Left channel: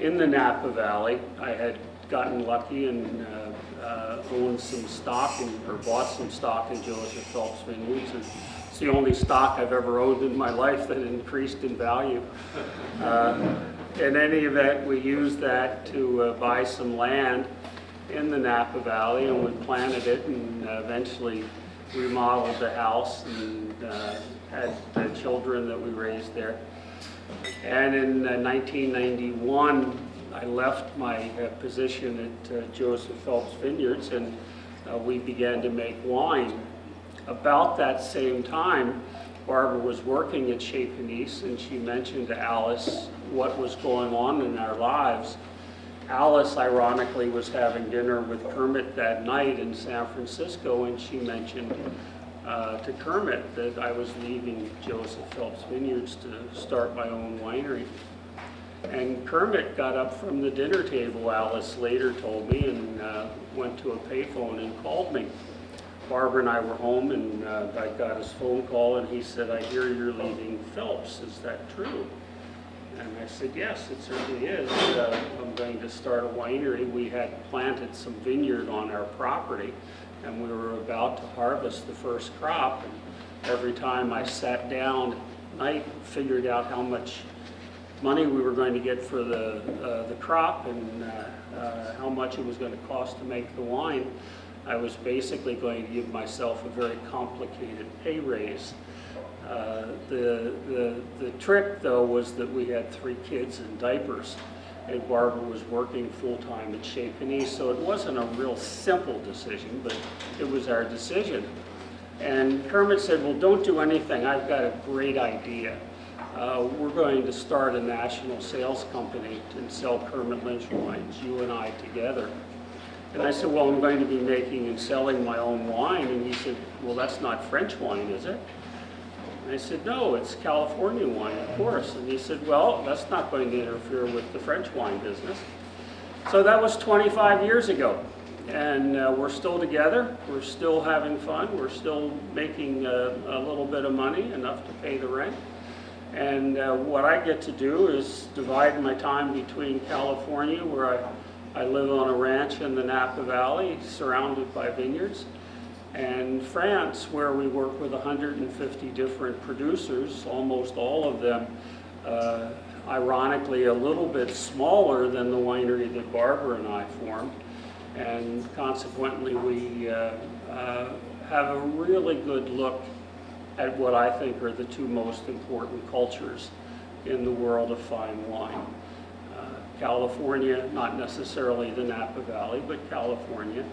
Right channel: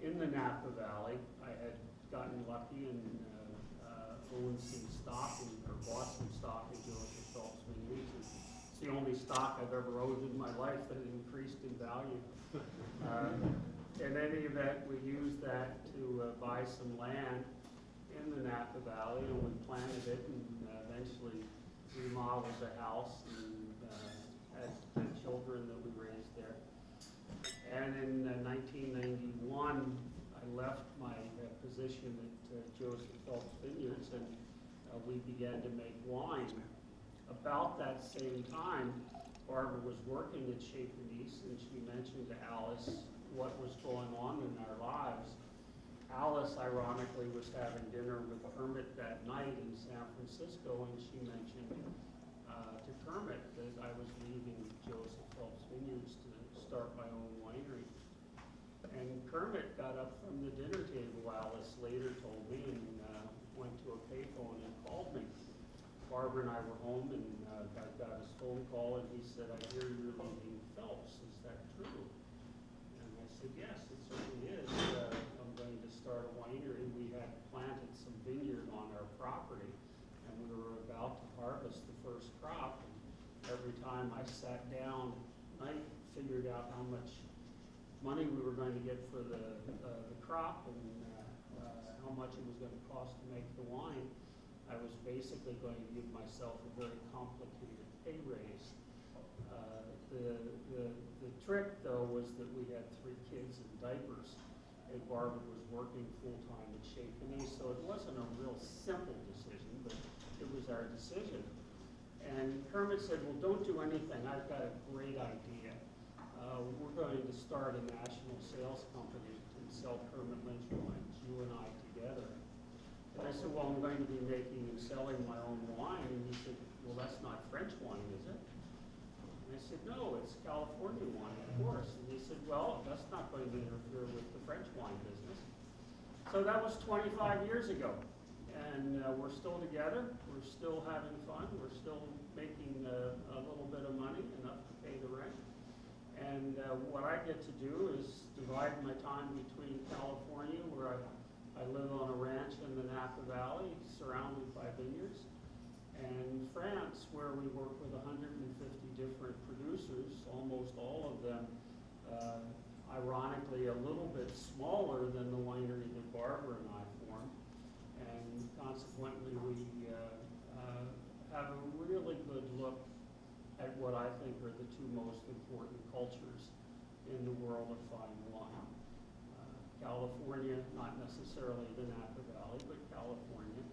in the Napa Valley. I had gotten lucky and owned some stock or bought some stock in Joseph Phelps Vineyards. And it's the only stock I've ever owned in my life that increased in value. In any event, we used that to buy some land in the Napa Valley, and we planted it and eventually remodeled the house and had the children that we raised there. And in 1991, I left my position at Joseph Phelps Vineyards, and we began to make wine. About that same time, Barbara was working at Chez Panisse, and she mentioned to Alice what was going on in our lives. Alice, ironically, was having dinner with Kermit that night in San Francisco, and she mentioned to Kermit that I was leaving Joseph Phelps Vineyards to start my own winery. And Kermit got up from the dinner table, Alice later told me, and went to a payphone and called me. Barbara and I were home, and I got his phone call, and he said, "I hear you're leaving Phelps. Is that true?" And I said, "Yes, it certainly is. I'm going to start a winery." We had planted some vineyard on our property, and we were about to harvest the first crop. And every time I sat down at night, figured out how much money we were going to get for the crop and how much it was going to cost to make the wine, I was basically going to give myself a very complicated pay raise. The trick, though, was that we had 3 kids in diapers, and Barbara was working full-time at Chez Panisse, so it wasn't a real simple decision, but it was our decision. And Kermit said, "Well, don't do anything. I've got a great idea. We're going to start a national sales company and sell Kermit Lynch wines, you and I together." And I said, "Well, I'm going to be making and selling my own wine." And he said, "Well, that's not French wine, is it?" And I said, "No, it's California wine, of course." And he said, "Well, that's not going to interfere with the French wine business." So that was 25 years ago. And we're still together. We're still having fun. We're still making a little bit of money, enough to pay the rent. And what I get to do is divide my time between California, where I live on a ranch in the Napa Valley, surrounded by vineyards, and France, where we work with 150 different producers, almost all of them, ironically, a little bit smaller than the winery that Barbara and I formed. And consequently, we have a really good look at what I think are the 2 most important cultures in the world of fine wine. California, not necessarily the Napa Valley, but California,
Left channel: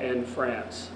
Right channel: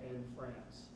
and France.